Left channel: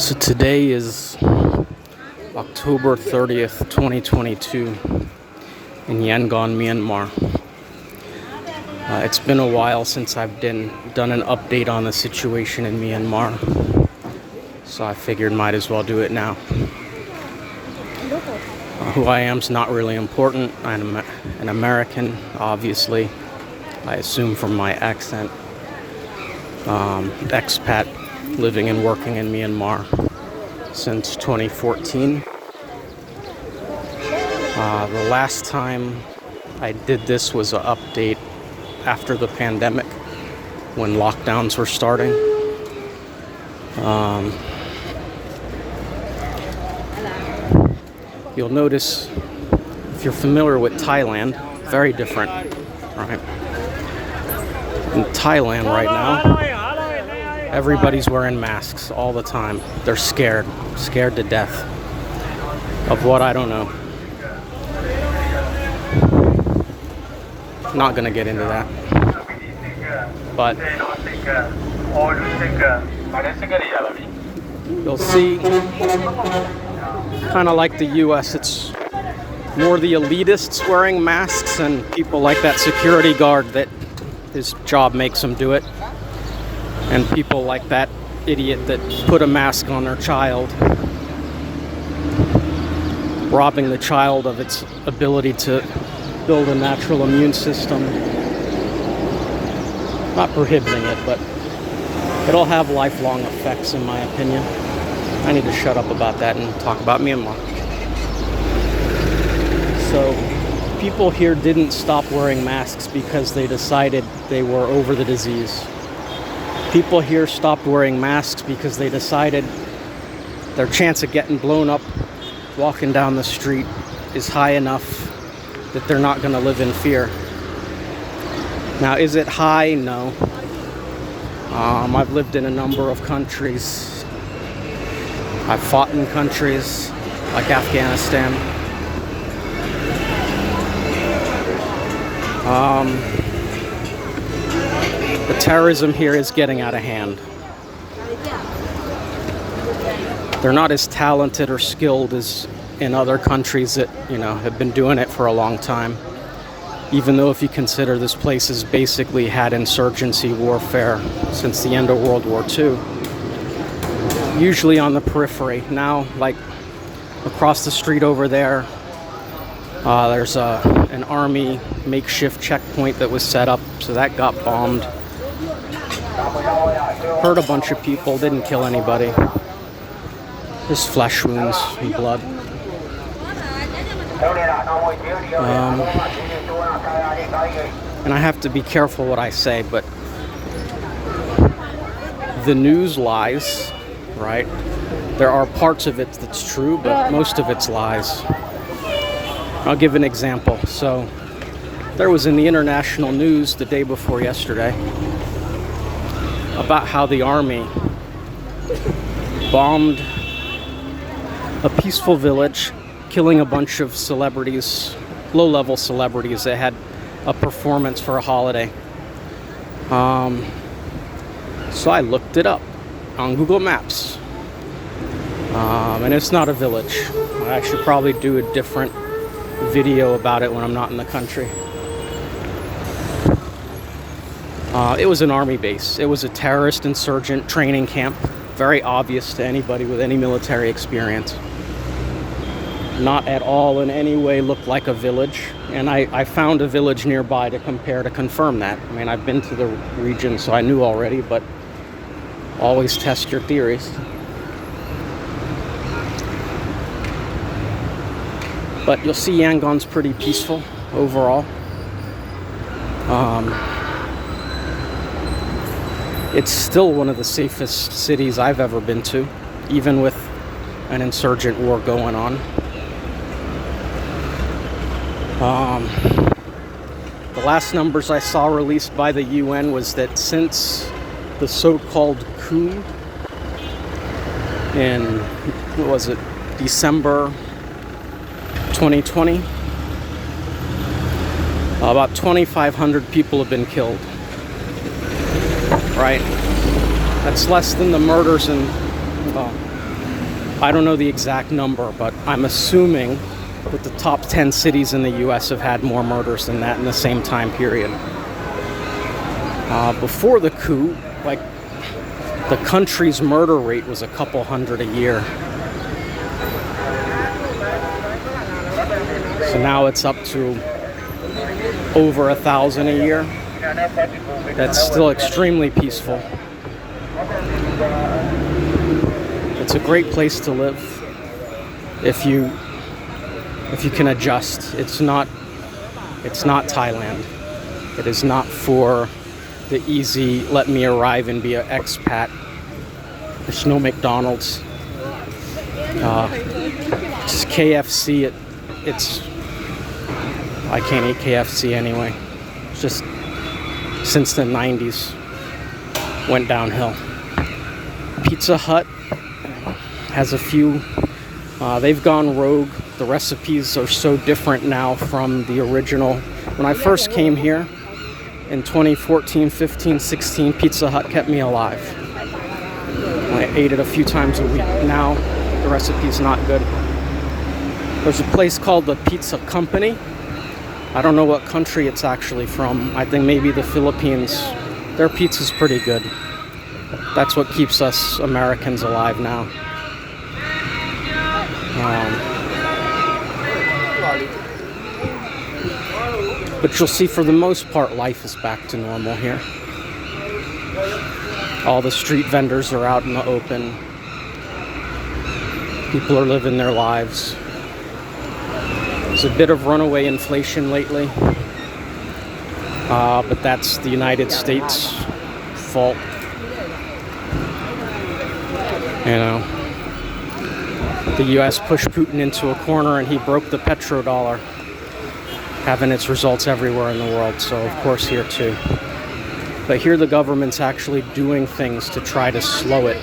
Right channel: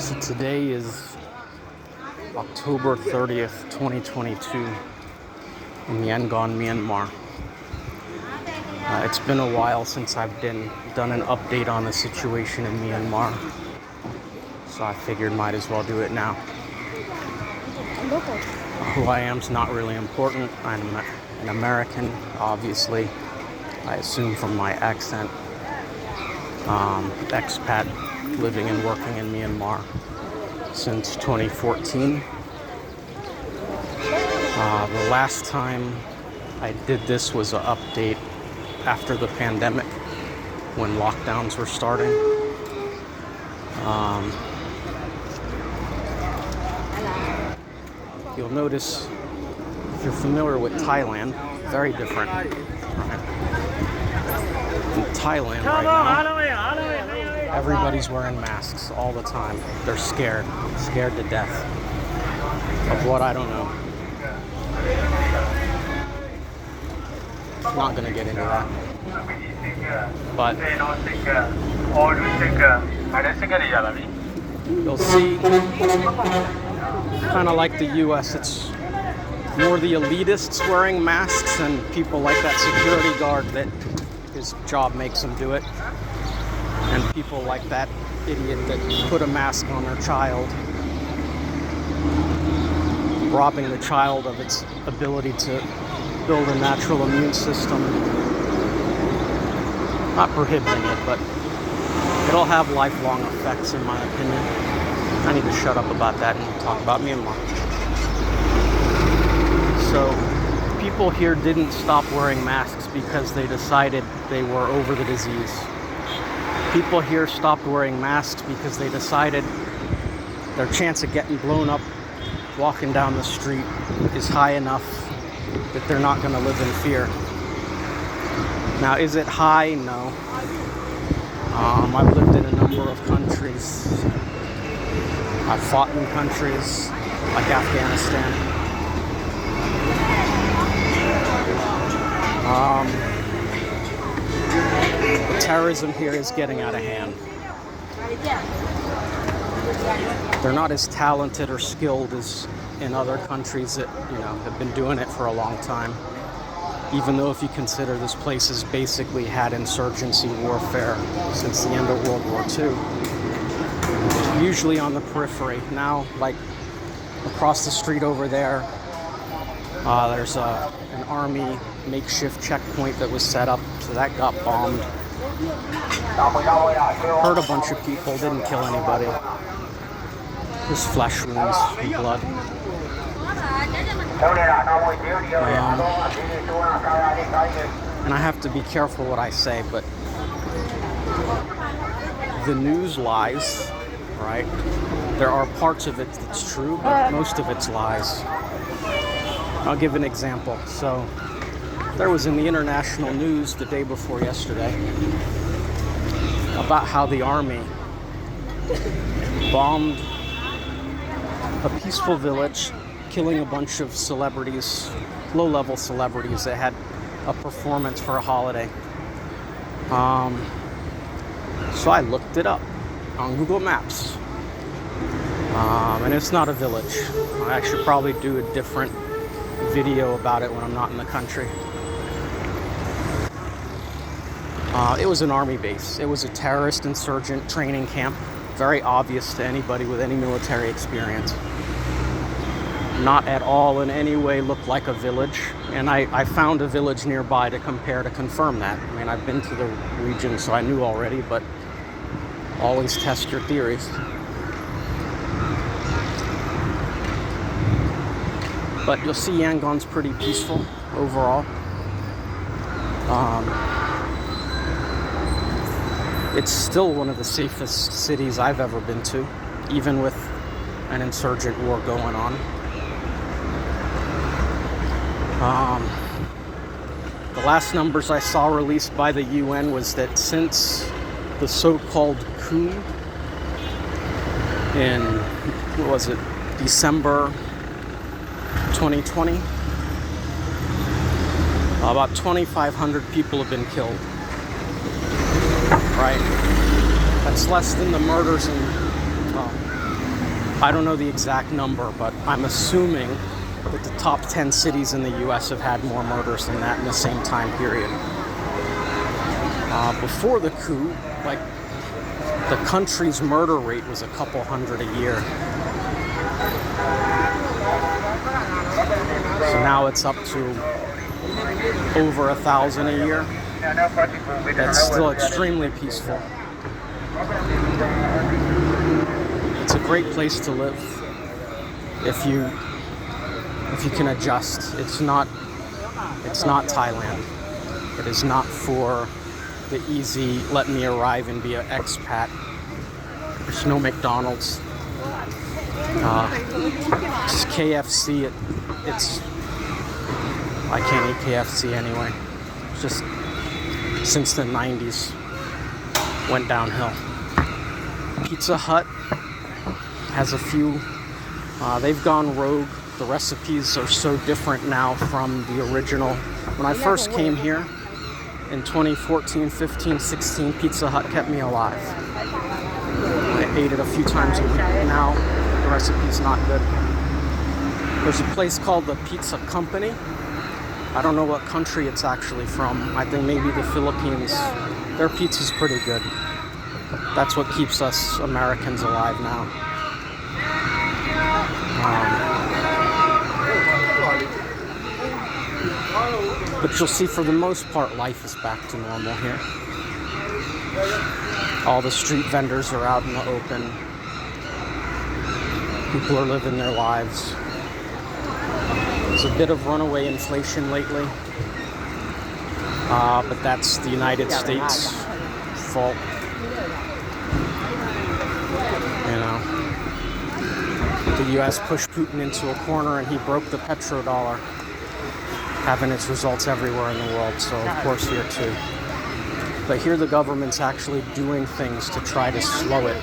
So today is October 30th, 2022 in Yangon, Myanmar. It's been a while since I've done an update on the situation in Myanmar, so I figured might as well do it now. Who I am is not really important. I'm an American, obviously. I assume from my accent. Expat, living and working in Myanmar since 2014. The last time I did this was an update after the pandemic, when lockdowns were starting. You'll notice, if you're familiar with Thailand, very different, right? In Thailand right now, everybody's wearing masks all the time. They're scared to death of what, I don't know. Not gonna get into that, but you'll see, kind of like the US, it's more the elitists wearing masks and people like that security guard that his job makes him do it, and people like that idiot that put a mask on their child, robbing the child of its ability to build a natural immune system. Not prohibiting it, but it'll have lifelong effects, in my opinion. I need to shut up about that and talk about Myanmar. So, people here didn't stop wearing masks because they decided they were over the disease. People here stopped wearing masks because they decided their chance of getting blown up walking down the street is high enough that they're not going to live in fear. Now, is it high? No. I've lived in a number of countries. I've fought in countries like Afghanistan. The terrorism here is getting out of hand. They're not as talented or skilled as in other countries that, have been doing it for a long time. Even though if you consider this place has basically had insurgency warfare since the end of World War II. Usually on the periphery. Now, like across the street over there, there's an army makeshift checkpoint that was set up, so that got bombed. Hurt a bunch of people, didn't kill anybody. Just flesh wounds and blood. And I have to be careful what I say, but the news lies, right? There are parts of it that's true, but most of it's lies. I'll give an example. So there was in the international news the day before yesterday about how the army bombed a peaceful village, killing a bunch of celebrities, low-level celebrities that had a performance for a holiday. So I looked it up on Google Maps. And it's not a village. I should probably do a different video about it when I'm not in the country. It was an army base. It was a terrorist insurgent training camp. Very obvious to anybody with any military experience. Not at all in any way looked like a village. And I found a village nearby to compare to confirm that. I mean, I've been to the region, so I knew already, but always test your theories. But you'll see Yangon's pretty peaceful overall. It's still one of the safest cities I've ever been to, even with an insurgent war going on. The last numbers I saw released by the UN was that since the so-called coup in, December 2020, about 2,500 people have been killed. Right? That's less than the murders in I don't know the exact number, but I'm assuming that the top 10 cities in the US have had more murders than that in the same time period. Before the coup, like, the country's murder rate was a couple hundred a year. So now it's up to over 1,000 a year. That's still extremely peaceful. It's a great place to live if you can adjust. It's not Thailand. It is not for the easy, let me arrive and be an expat. There's no McDonald's. It's KFC. I can't eat KFC anyway. It's just since the 90s went downhill. Pizza Hut has a few. They've gone rogue. The recipes are so different now from the original. When I first came here in 2014, 15, 16, Pizza Hut kept me alive. I ate it a few times a week. Now the recipe's not good. There's a place called the Pizza Company. I don't know what country it's actually from. I think maybe the Philippines. Their pizza's pretty good. That's what keeps us Americans alive now. But you'll see, for the most part, life is back to normal here. All the street vendors are out in the open. People are living their lives. There's a bit of runaway inflation lately, but that's the United States' fault. You know, the U.S. pushed Putin into a corner and he broke the petrodollar, having its results everywhere in the world, so of course here too. But here the government's actually doing things to try to slow it,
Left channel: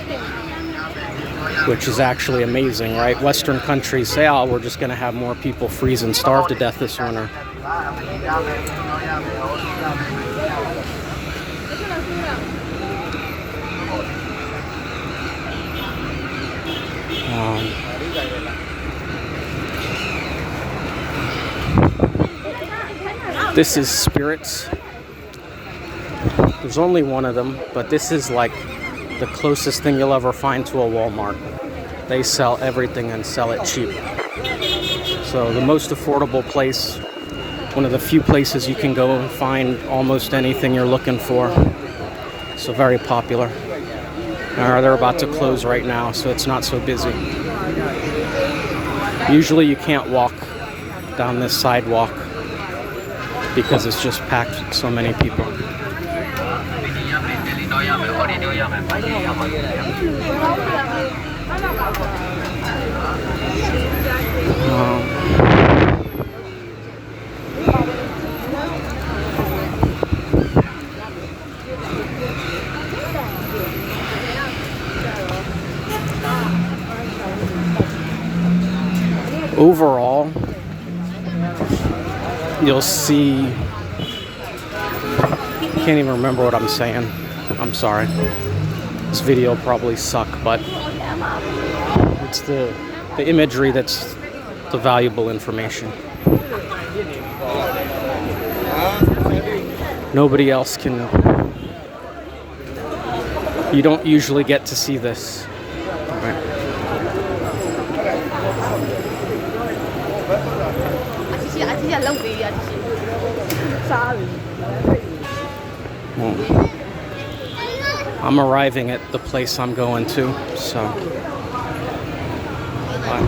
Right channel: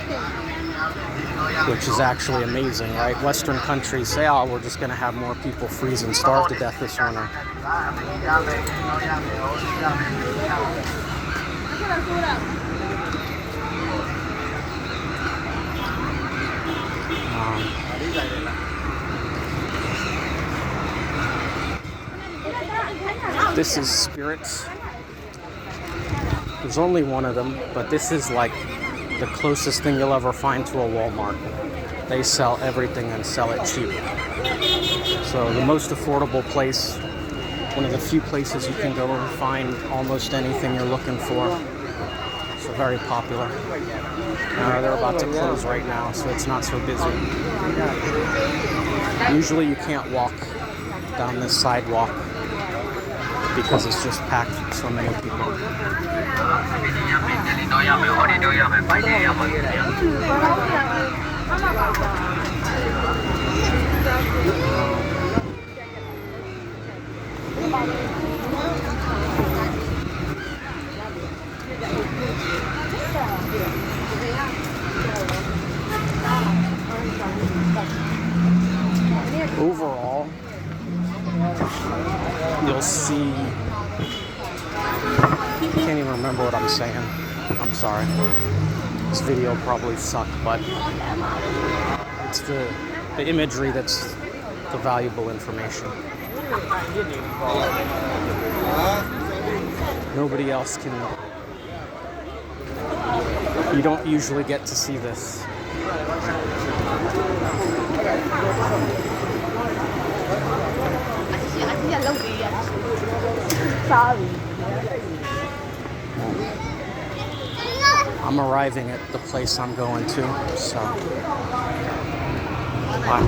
which is actually amazing, right? Western countries say, oh, we're just going to have more people freeze and starve to death this winter. This is spirits. There's only one of them, but this is like the closest thing you'll ever find to a Walmart. They sell everything and sell it cheap. So the most affordable place, one of the few places you can go and find almost anything you're looking for. So very popular. They're about to close right now, so it's not so busy. Usually you can't walk down this sidewalk because it's just packed with so many people. Overall, you'll see, I can't even remember what I'm saying. I'm sorry. This video probably sucked, but it's the imagery that's the valuable information. Nobody else can, you don't usually get to see this. I'm arriving at the place I'm going to, so. Wow.